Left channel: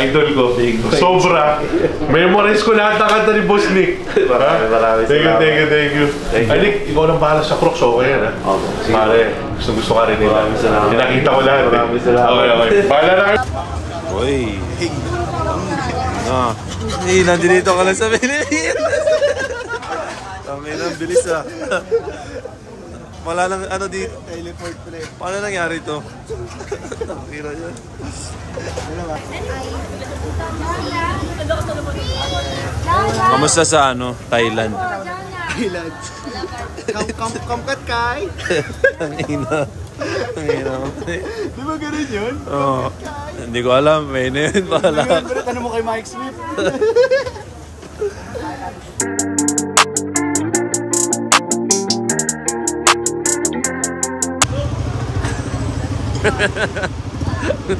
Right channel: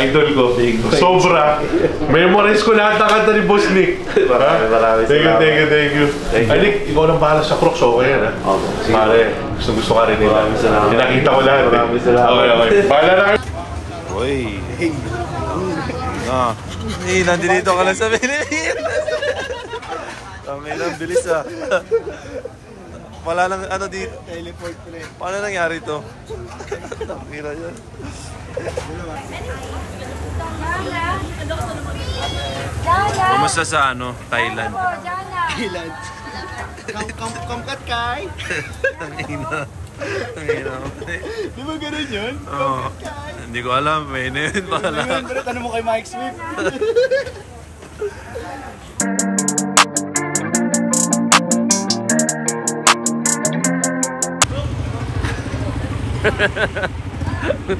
Idol ko. Sobra. Memorize ko lahat ng kanta ni Boss Nick. Maraming salamat. Thank you. Ay, Nick, ikaw nang bahala sa Crocs. Okay yan, ha? Pare, gusto ka rin nila. Pinakita ko lahat. Maraming salamat. Okay. Bahala na kayo. Uy. Nandito ka lang sa Pilipinas. Tangin na, bilis ah. Wala nang ano dito. Teleport pa rin. Paano nangyari ito? Nakira yan. Kamusta sa ano? Thailand? Thailand. Kamkat kay? Tangina. Di ba ganun yun? Oo. Hindi ko alam. May na yun pala. Pero tanong mo kay Mike Smith.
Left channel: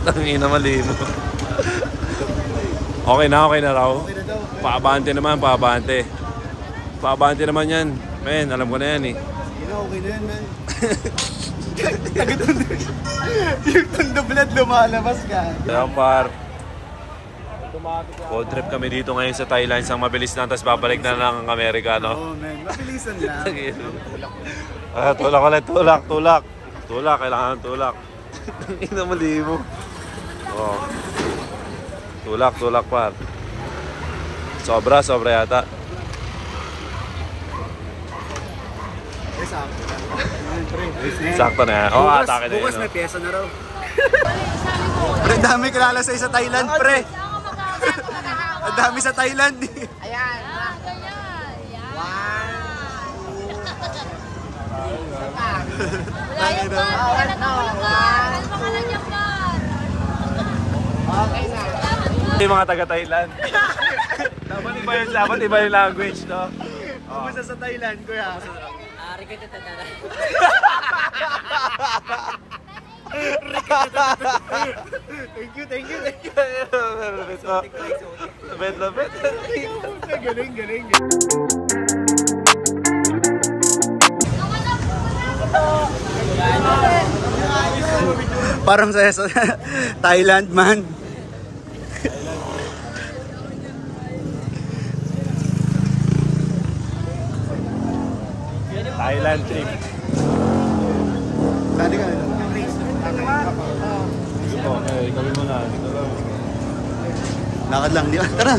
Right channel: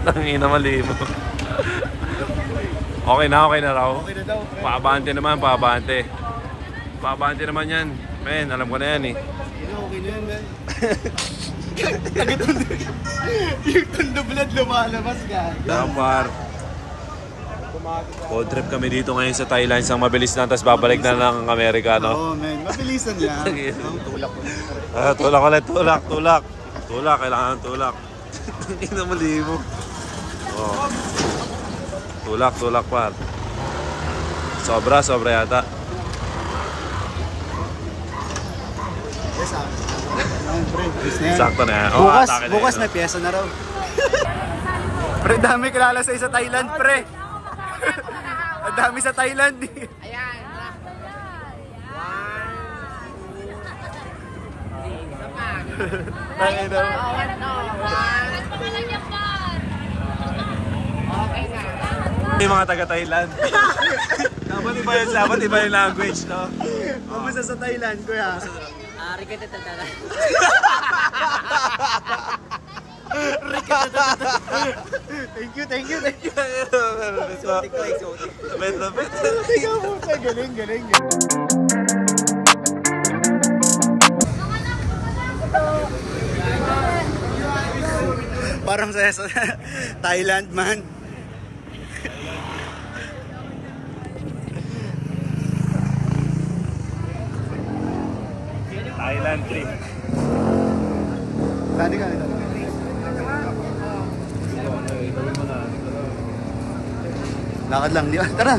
Tangina, mali mo. Okay na raw. Paabante naman, paabante. Paabante naman yan. Men, alam ko na yan eh. Okay na yan, men. Yung tondo blood lumalabas ka. Par. Road trip kami dito ngayon sa Thailand. Isang mabilis lang, tapos babalik na ng Amerika, no? Oo, men. Mabilisan lang. Tulak ulit, tulak. Tulak, kailangan ng tulak. Ina, mali mo. Oh. Tulak par. Sobra yata. Sakto na yan. Bukas may pyesa na raw. Pre, dami kilala sa Thailand, pre. Ang dami sa Thailand. Yung mga taga-Thailand. Dapat iba yung language, no? Kumusta sa Thailand, kuya? Thank you. Lapit. Galing. Parang sa Thailand, man. Thailand trip. Saan ka nila? Lakad lang, di ba? Tara!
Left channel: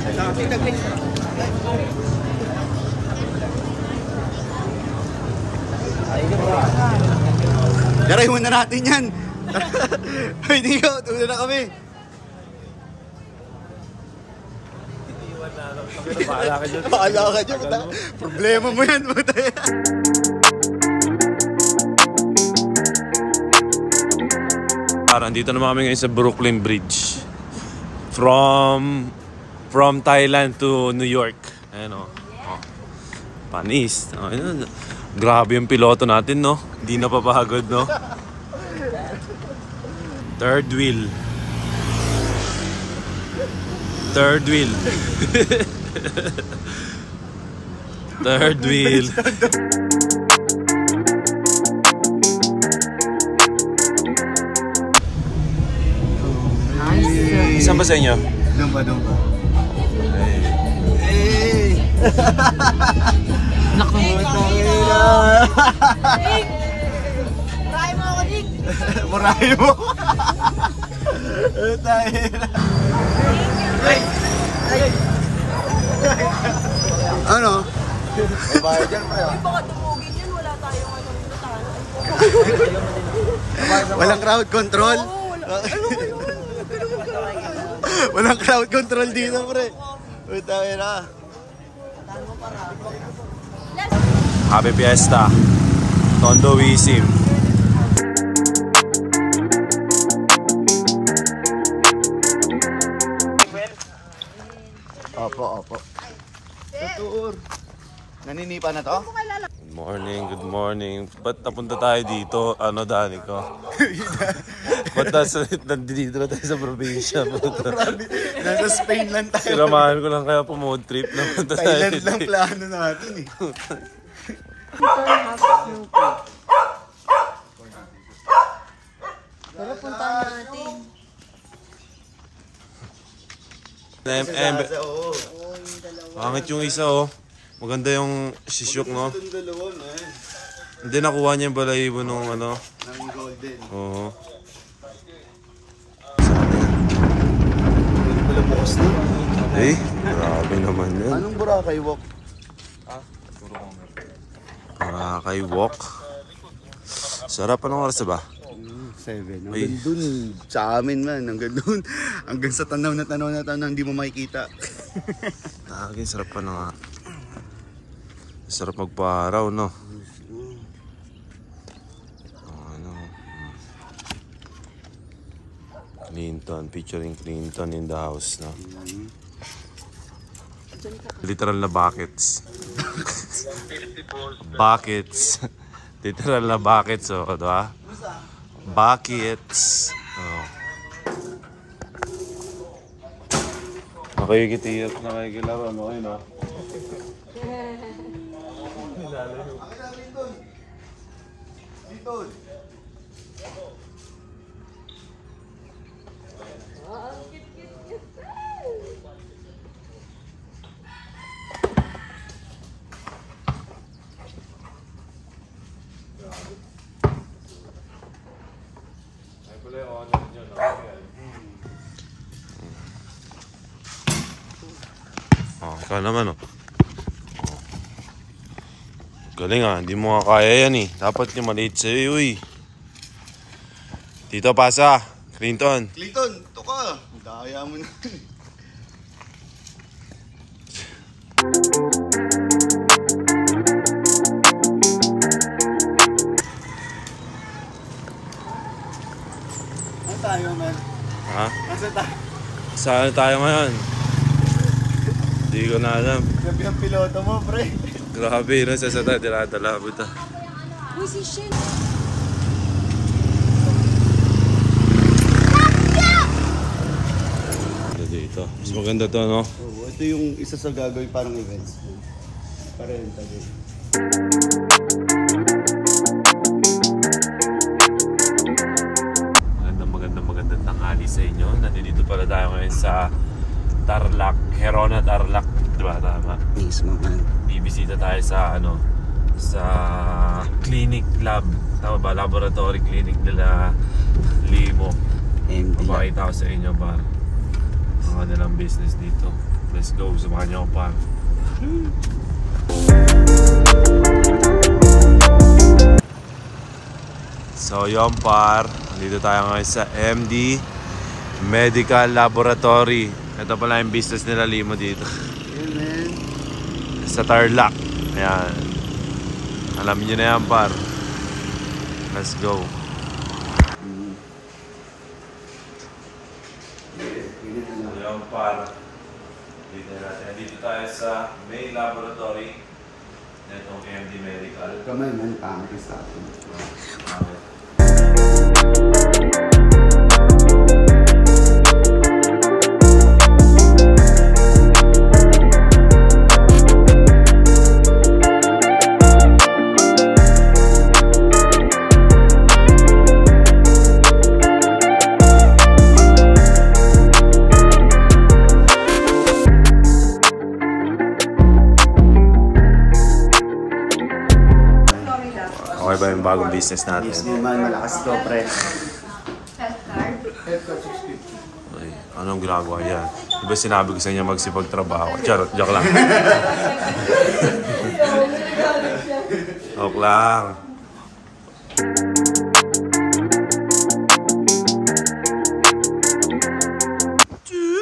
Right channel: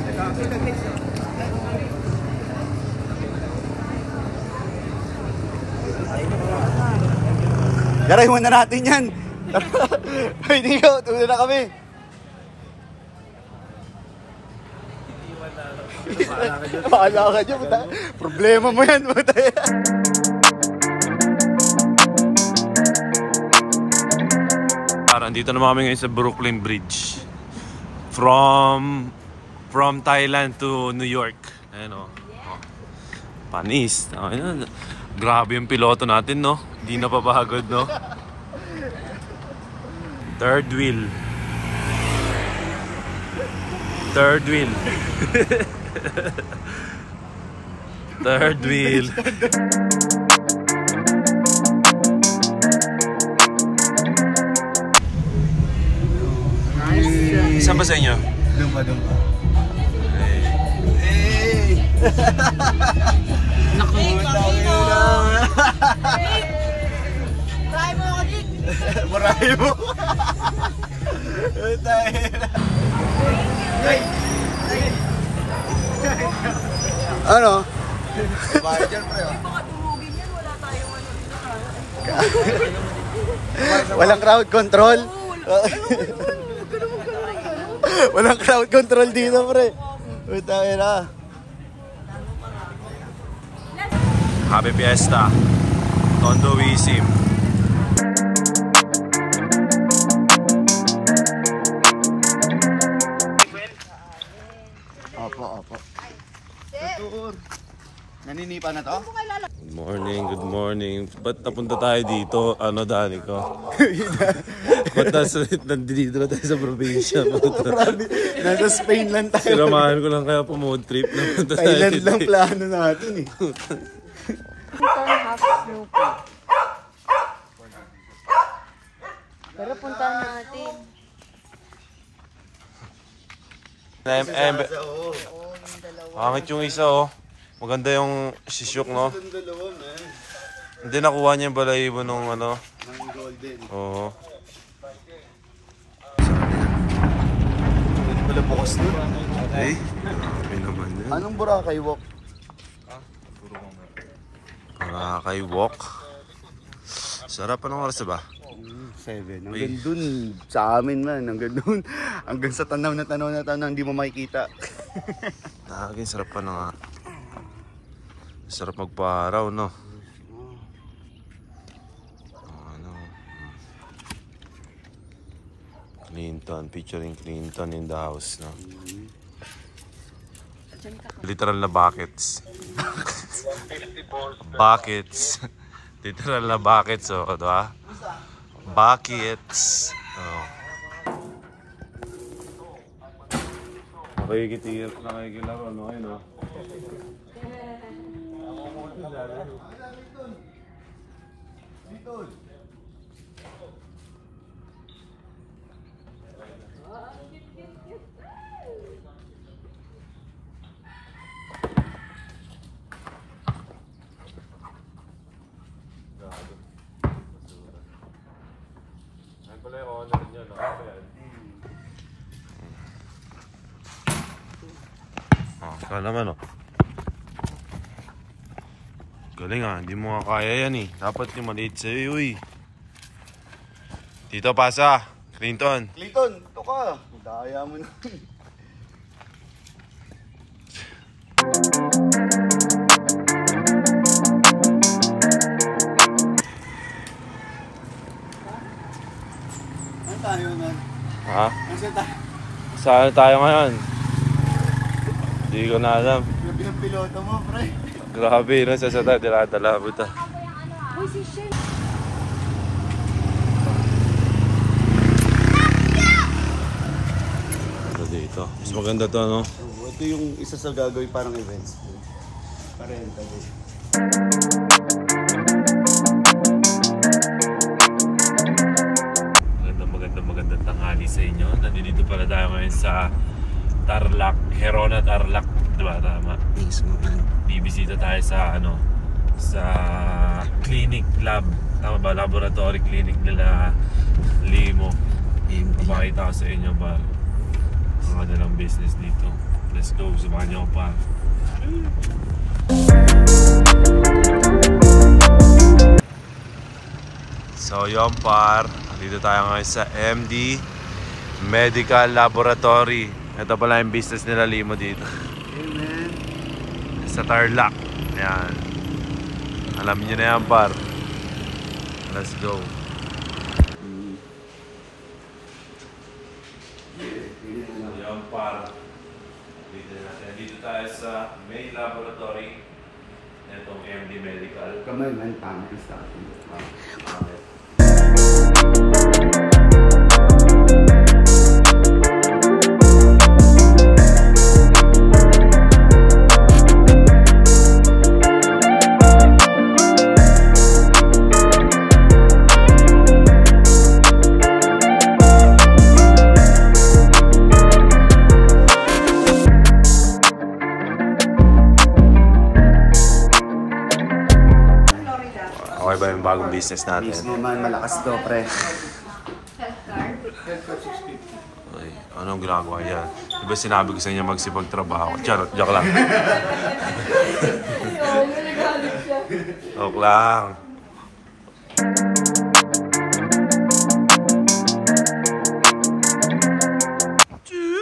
Tara, iwan na natin yan! Hindi ko, tuloy na kami! Paala ka dyan. Problema mo yan, buta yan. Nandito naman kami ngayon sa Brooklyn Bridge. From Thailand to New York. Ayan o. Panis. Grabe yung piloto natin, no? Di napapagod, no? Third wheel. Third wheel. Saan ba sa inyo? Dumpa. Hey! Naku, dami na! Murahin mo ako, Nick! Murahin mo! Tayo na! Ano? Bahay dyan, pre. Baka tumugin yan, wala tayong ano. Walang crowd control? Walang crowd control dito, pre. Tayo na. Happy Fiesta. Tondo Wisim. Opo. Tour. Naninipa na to? Good morning. Ba't napunta tayo dito? Ano, Dani ko? Ba't nandito na tayo sa probinsya? Nasa Spain lang tayo. Sinamahan ko lang kaya po-mood trip. Thailand lang plano natin eh. Pero punta natin. Pangit yung isa oh. Maganda yung sisyok no. Hindi nakuha niya yung balahibo nung ano. Ng golden. Oo. Sana yan. Eh, grabe naman yan. Anong Boracay walk? Boracay walk. Sarap, anong oras ba? 7. Hanggang dun. Sa amin man. Hanggang dun. Hanggang sa tanaw na hindi mo makikita. Lagi, sarap pa na nga. Sarap magpa-araw, no? Ano? Clinton, featuring Clinton in the house, no? Literal na buckets. Buckets. Literal na buckets, oh, diba? Buckets. Oh. Nakikitiyak, nakikilaro, ano kayo, no? Oh, ikaw naman oh. Galing ah, hindi mo nga kaya yan eh. Dapat yung maliit sa'yo eh. Dito pasa, Clinton. Clinton, ito ka. Daya mo na. Ano tayo, man? Ha? Nasaan tayo? Saan tayo ngayon? Hindi ko na alam. Grabe ang piloto mo, pre. Grabe, nasa sa tayo, dinadala mo ta. Uy, si Shane. Dito. Mas maganda to, no? Oh, ito yung isa sa gagawin parang events. Parenta din. Magandang tanghali sa inyo. Nandito pala tayo ngayon sa Tarlac, Herona Tarlac, diba tama? Mismo man. Bibisita tayo sa ano, sa clinic lab, tama ba? Laboratory clinic nila Limo. Mapakita ko sa inyo pa ang kanilang business dito. Let's go, sumakan niyo ako pa. So yun par, dito tayo ngayon sa MD Medical Laboratory. Ito pala yung business nila Limo dito. Yeah, man. Sa Tarlac. Ayan. Alam niyo na yan par. Let's go. Ayan par. Dito tayo sa main laboratory. Itong MD Medical. Kamay man, tama sa atin. Okay ba yung bagong business natin? Hindi man, malakas to, pre. Health card. Ay, anong ginagawa yan? Diba sinabi ko sa inyo magsipagtrabaho? Charot, joke lang. Joke lang.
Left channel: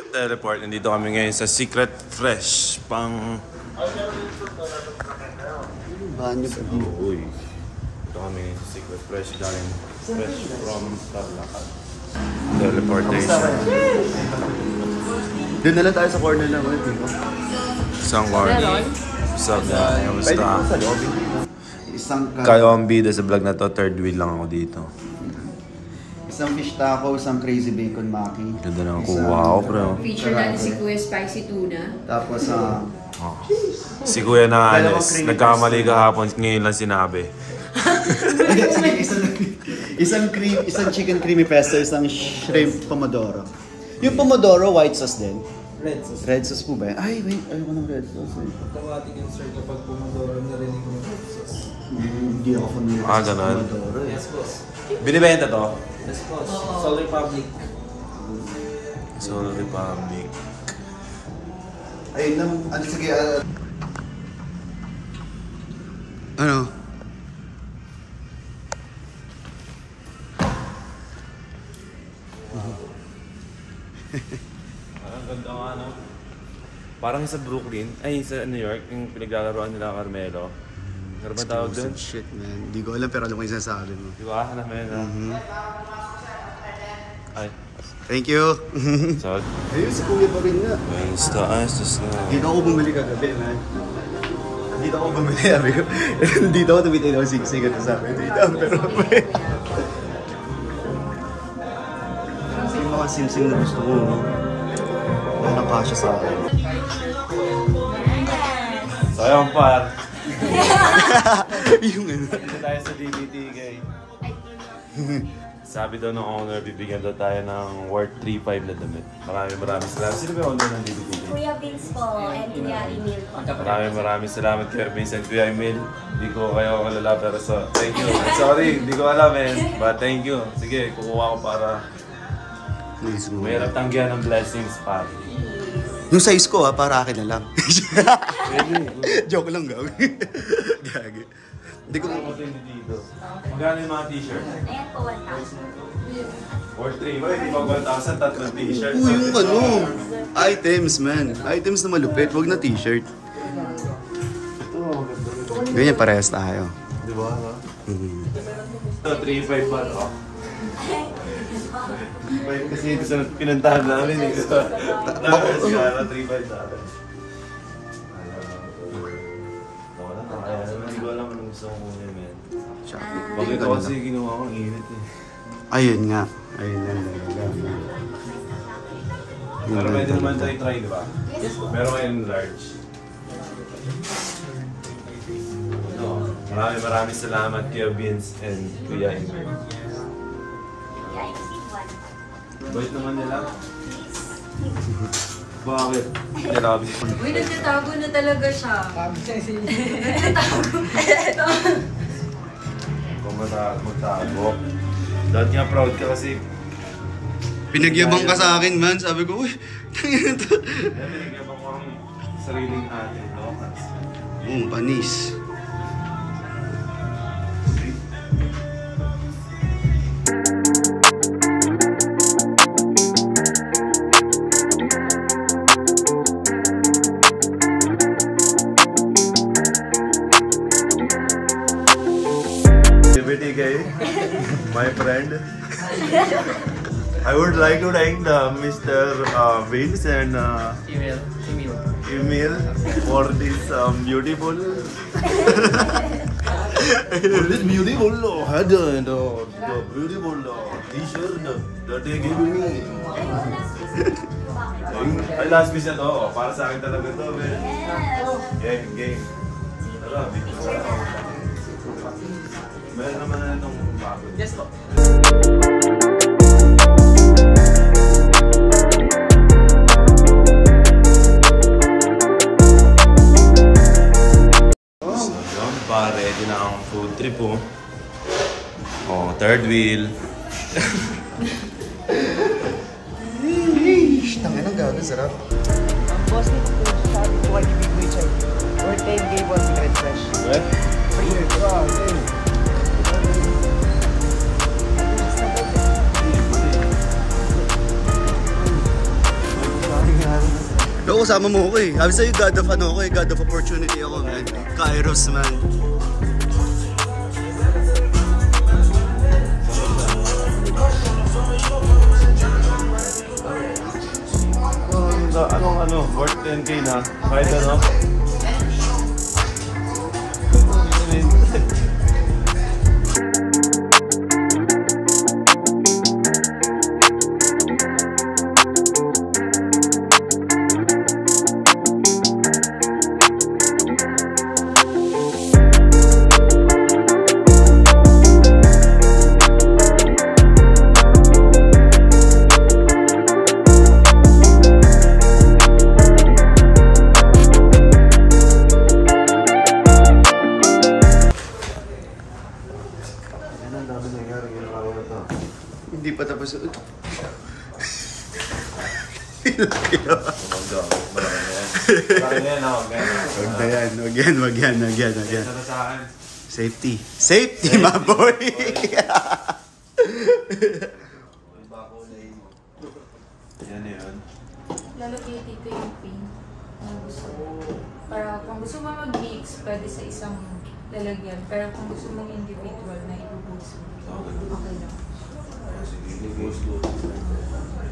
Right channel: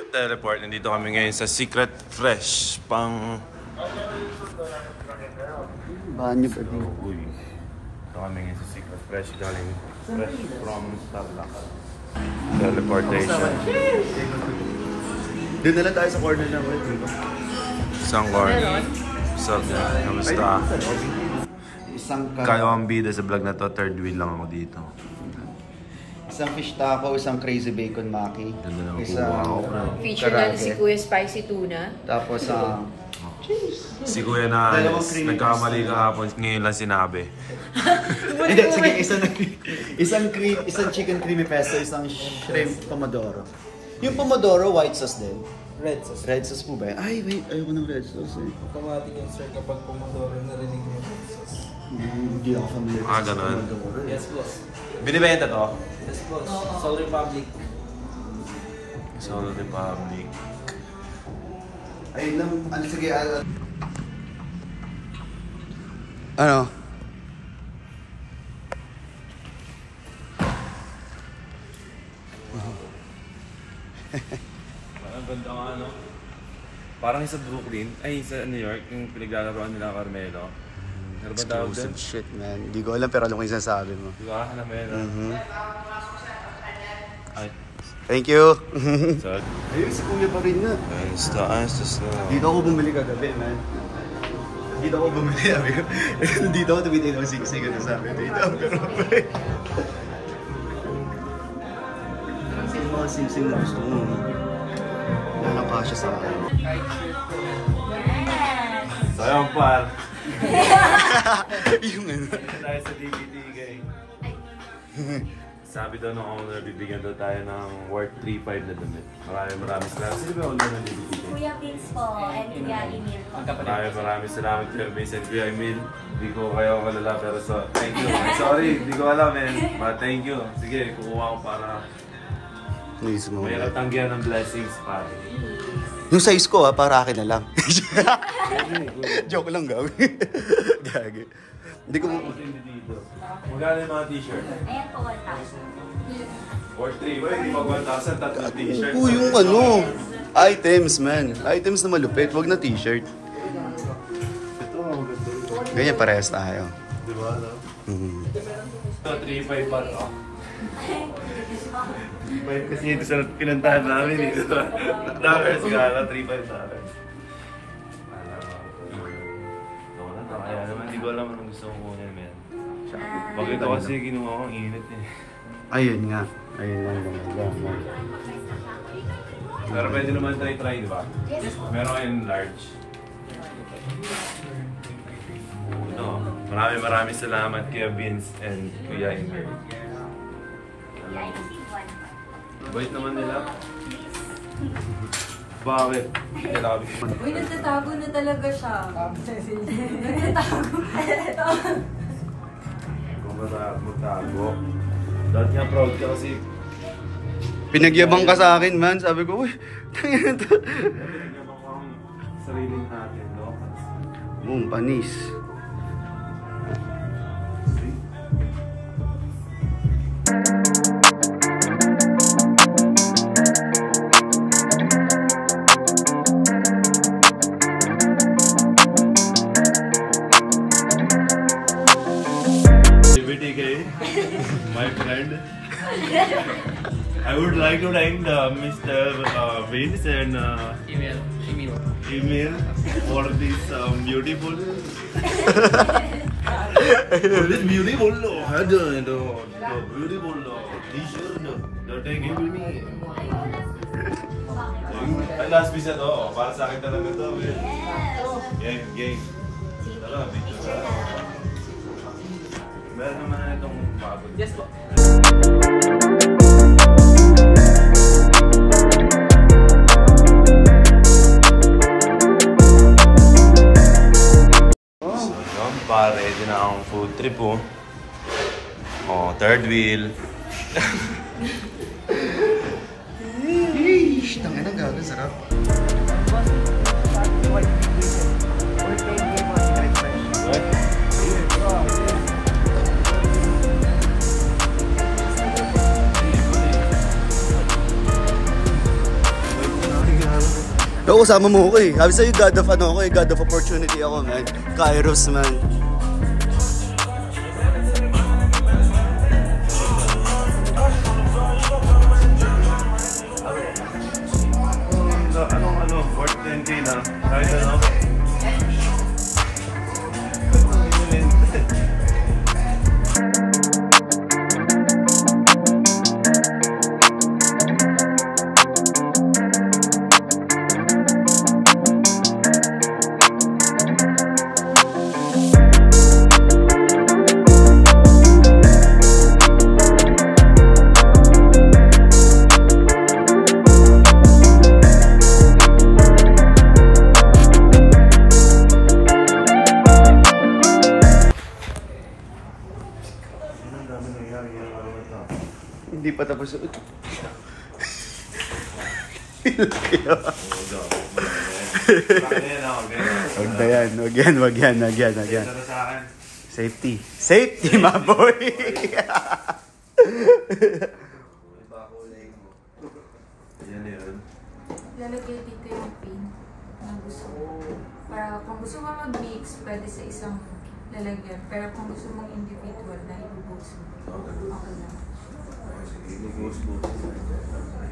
Teleport, nandito kami ngayon sa Secret Fresh pang... Uy. Ito kami ngayon sa Secret Fresh galing fresh from Tarlac. Teleportation. Doon na lang tayo sa corner na ulit. Isang corner. What's up, man? Kamusta? Isang Kayo ang bida sa vlog na to. Third wheel lang ako dito. Isang fish taco, isang crazy bacon maki. Ganda na kuha ako, bro. Feature natin si Kuya Spicy Tuna. Tapos Si Kuya na alis. Nagkamali kahapon. Ngayon lang sinabi. hindi, sige, isang chicken creamy pesto, isang shrimp pomodoro. Yung pomodoro, white sauce din. Red sauce. Red sauce po ba? Ay, wait. Ayoko ng red sauce eh. Automatic yung sir kapag Pomodoro narinig mo. Hindi ako familiar. Ganun. Yes, boss. Binibenta to? Yes, boss. Soul Republic. Soul Republic. Ay, sige. Ano? Ang ganda nga, no? Parang sa Brooklyn, ay sa New York, yung pinaglalaroan nila Carmelo. Ano ba tawag doon? Shit, man. Hindi ko alam pero alam ko yung sinasabi mo. Di ba? Alam mo yun, Ay. Thank you. So, Ayun, si Kuya pa rin na. ayos na. Dito ako bumili kagabi, man. Dito ako bumili, sabi ko. Dito ako tumitin ako sigsig at sabi ko, dito ang pero yung mga simsim na gusto ko, nakapasya sa akin. Sayang par. Yung ano. Tayo sa DBTK. Sabi daw ng owner, bibigyan daw tayo ng worth 3.5 na damit. Maraming salamat. Sino ba owner ng DBTK? Kuya Vince po and Kuya Emil po. Maraming salamat Kuya Vince and Kuya Emil. Hindi ko kayo kalala pero thank you. Sorry, hindi ko alam but thank you. Sige, kukuha ko para mayroon tanggihan ng blessings para. Yung size ko para akin na lang. Joke lang gawin. Gagi. Hindi ko lang hindi dito. Magkano yung mga t-shirt? Ayan po, 1,000. Worth 3 ba? Hindi pa 1,000 tatlong t-shirt. Uy, yung ano. Items, man. Items na malupit. Wag na t-shirt. Ganyan, parehas tayo. Di ba, no? Ito, 3.5 ba, no? 3.5 kasi ito sa pinuntahan namin, eh. Nakakars ka na, 3.5 namin. Kaya naman, hindi ko alam anong gusto kong kunin, man. Bakit ito kasi ginawa kong init, eh. Ayun nga. Ayun nga. Pero pwede naman tayo try, di ba? Meron kayong large. Maraming salamat Kuya Vince and Kuya Emil. Bait naman nila. Bakit? Grabe. Uy, nagtatago na talaga siya. Kung magtago. Dahil nga proud ka kasi. Pinagyabang ka sa akin, man. Sabi ko, uy, tangin to. Pinagyabang ko ang sariling natin, no? Panis. My friend, I would like to thank Mr. Vince and Emil for this beautiful the beautiful t-shirt that they gave me. Ay, last piece na to. Para sa akin talaga to, man. Game. Tara, picture. Meron naman na itong bago. Yes po. So yun, ready na ang food trip po. Oh, third wheel. Tangin ang gagawin, sarap. No, kasama mo ko eh. Sabi sa'yo, God of ano ako eh. God of opportunity ako, man. Kairos, man. Anong worth 10K na? Kahit ano? Wag yan. Safety. Safety, my boy! Yan yun. Lalagyan dito yung pin na gusto mo. Para kung gusto mo mag-mix, pwede sa isang lalagyan. Pero kung gusto mong individual na ibubuso, okay lang. Sige,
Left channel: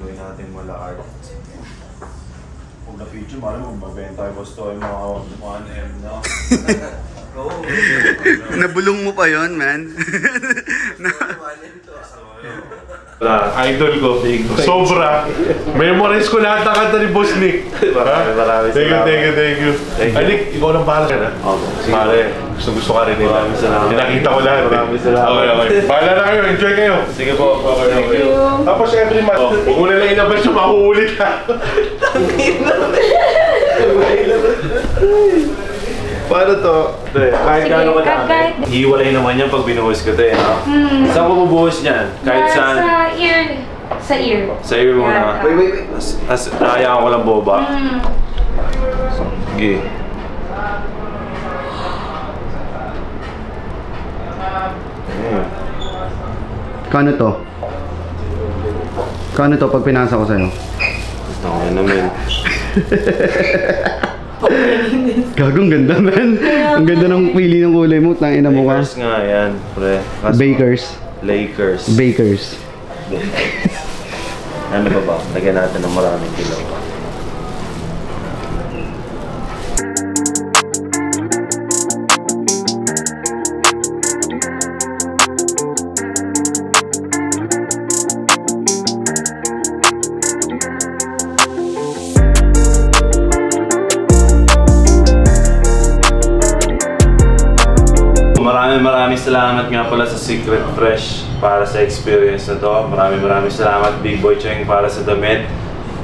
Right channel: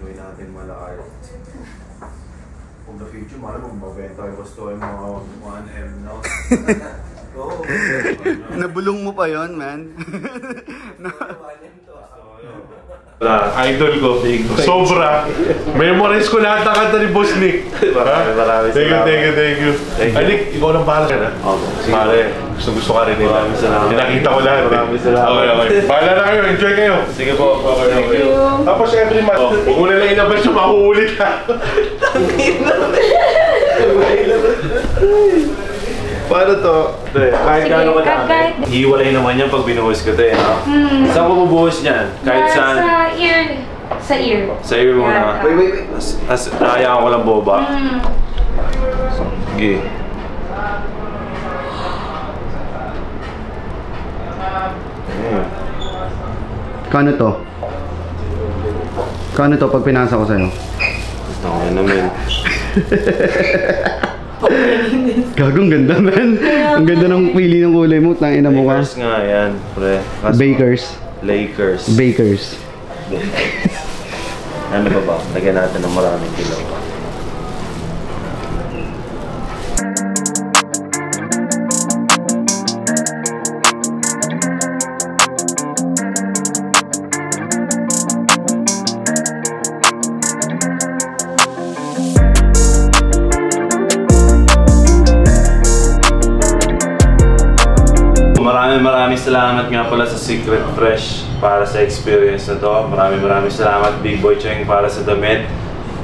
gawin natin malakar. Kung na-feature, malam magbabenta tayo basta yung mga 1M na. Nabulong mo pa yon, man. Idol ko. Sobra. Memorize ko lahat ng kanta ni Boss Nick. Marami Thank you. Ay, Nick, ikaw nang bahala ka na. Pare, gusto ka rin nila. Nakita ko lahat. Maraming salamat. Okay. Bahala na kayo. Enjoy kayo. Sige po. Thank you. Tapos every month, huwag mo na lang inabas yung mahuulit ha. Paano to? Kahit gaano ka dami. Hiwalay naman yan pag binuhos ko ito eh. Saan ko bubuhos niyan? Kahit saan? Sa ear. Sa ear. Sa ear muna. Wait. Nahayaan ko lang boba. Sige. Kano to? Kano to pag pinasa ko sa'yo? Okay naman. Gagong ganda, man. Ang ganda ng pili ng kulay mo. Tangina mo ka. Lakers nga yan, pre. Bakers. Ano ba? Lagyan natin ng maraming kilaw. Maraming salamat nga pala sa Secret Fresh para sa experience na to. Maraming salamat Big Boy Cheng para sa damit.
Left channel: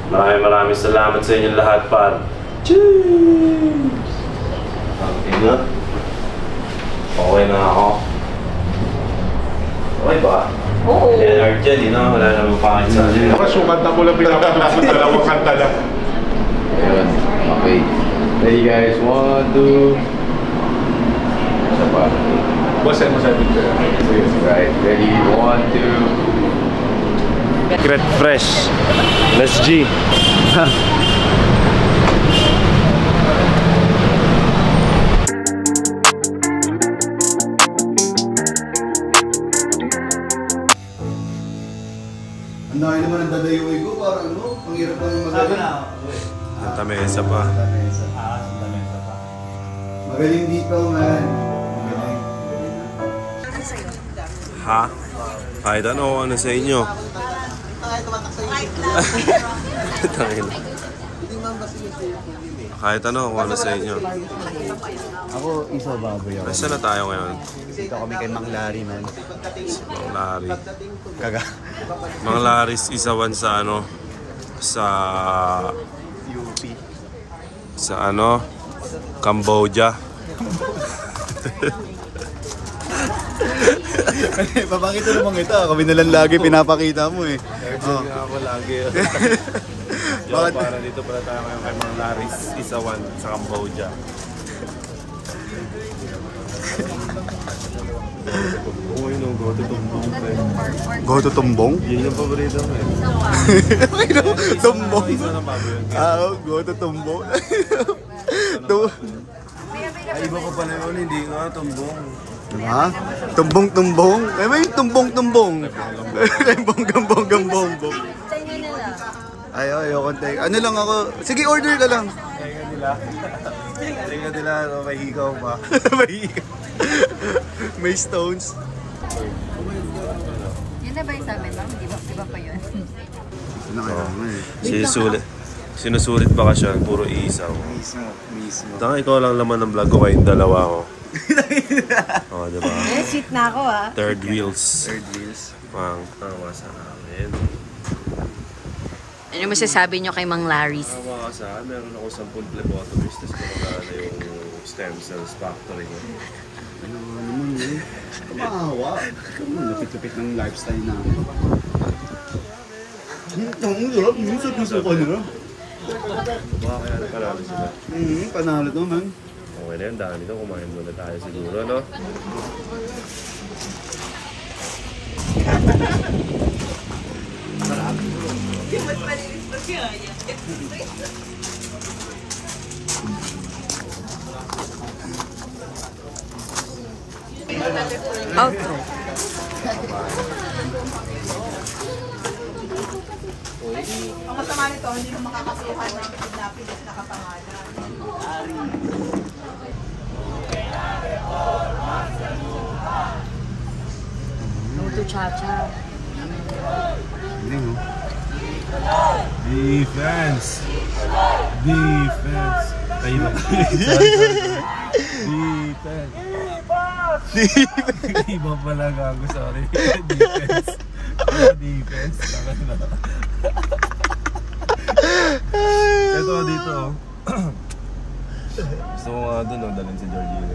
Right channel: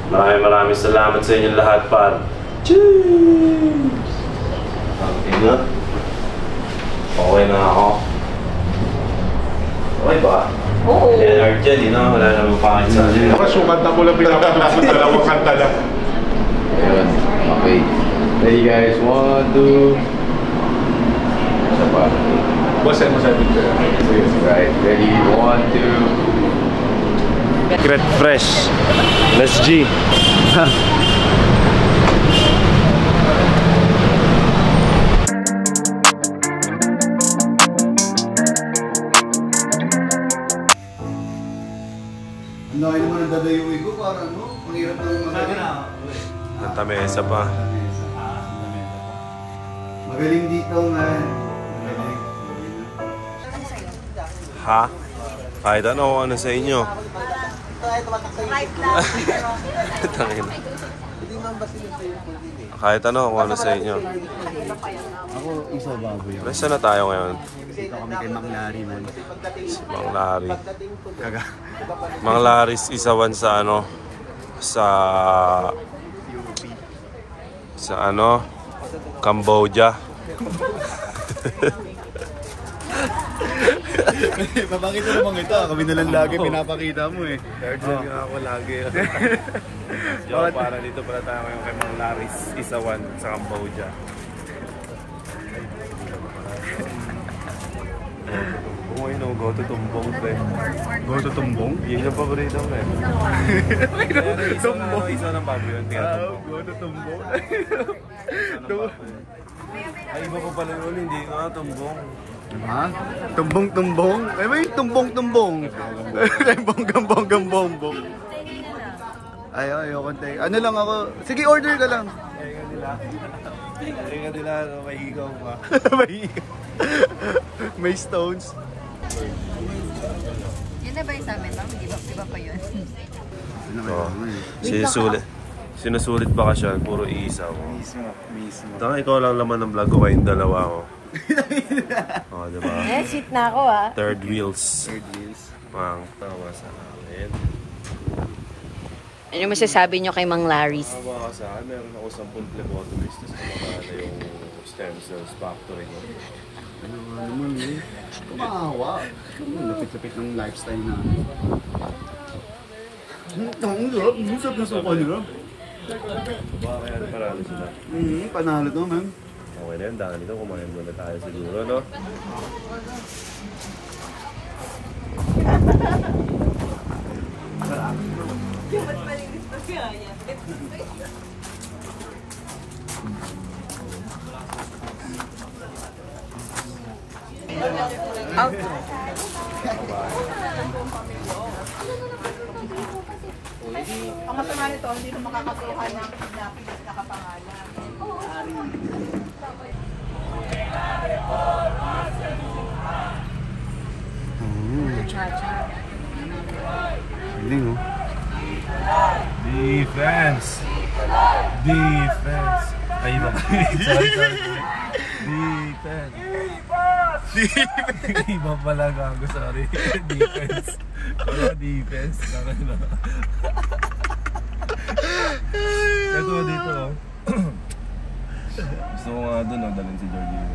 Maraming salamat sa inyo lahat par. Cheers! Okay na ako. Okay ba? Oo. Leonard dyan, wala naman pangit sa akin. Nakasukat na mo lang pinapatapos dalawang kanta lang. Ayun. Okay. Ready guys? 1, 2. Isa pa. Boss, mo sa picture. Right. Ready? 1, 2. Secret Fresh. Let's G. Ang dahil naman ang dadayuin ko, parang ano, ang hirap ng magaling. Nantamesa pa. Magaling dito, man. Ha? Kahit ano sa inyo? Kahit ano sa inyo? Ako, isa baboy ako. Saan na tayo ngayon? Dito kami kay Mang Larry, man. Si Mang Larry. Kaga. Mang Larry's isawan sa ano? Sa Cambodia. Papakita naman kita, kami nalang lagi pinapakita mo eh. Third nga ako lagi. Para dito pala tayo ngayon kay Mang Larry's isawan sa Cambodia. Go to Tumbong, pre. Go to Tumbong? Yun yung paborito mo eh. Tumbong? Isa ng baboy yun. Go to Tumbong. Ay, iba pa pala yun. Hindi nga, Tumbong. Diba? Tumbong. Ay, may tumbong. Gambong. Ay, ayoko tayo. Ano lang ako. Sige, order ka lang. Tingnan nila, may higaw pa. May stones. Yun na ba yung sa amin, ma'am? Di ba pa yun? Sinusulit bakasyon, puro isaw. Mismo. Taka, ikaw lang laman ng vlog ko kayong dalawa ko. Oo, diba? Sweet na ako ah. Third wheels. Pang tawa sa namin. Ano masasabi nyo kay Mang Larry's? Tawa ka sa akin, meron ako 10 phlebotomist na kumagana yung stem cells factory ko. Ano naman eh. Kumahawa. Lapit-lapit ng lifestyle namin. Ang sarap. Minsan gusto ka na. Baka kaya paralo sila. Panalo to, man. Okay na yan, dahil ito kumain muna tayo siguro, no? Outro. Ang masama nito, hindi mo makakasuhan ng paglapit at nakapangalan. Buto cha-cha. Yun, no? Defense! Defense! Ay, iba. Sorry. Defense! Iba pala gago, sorry. Defense. Wala defense. Ito dito. Gusto ko nga doon, dalhin si Georgina.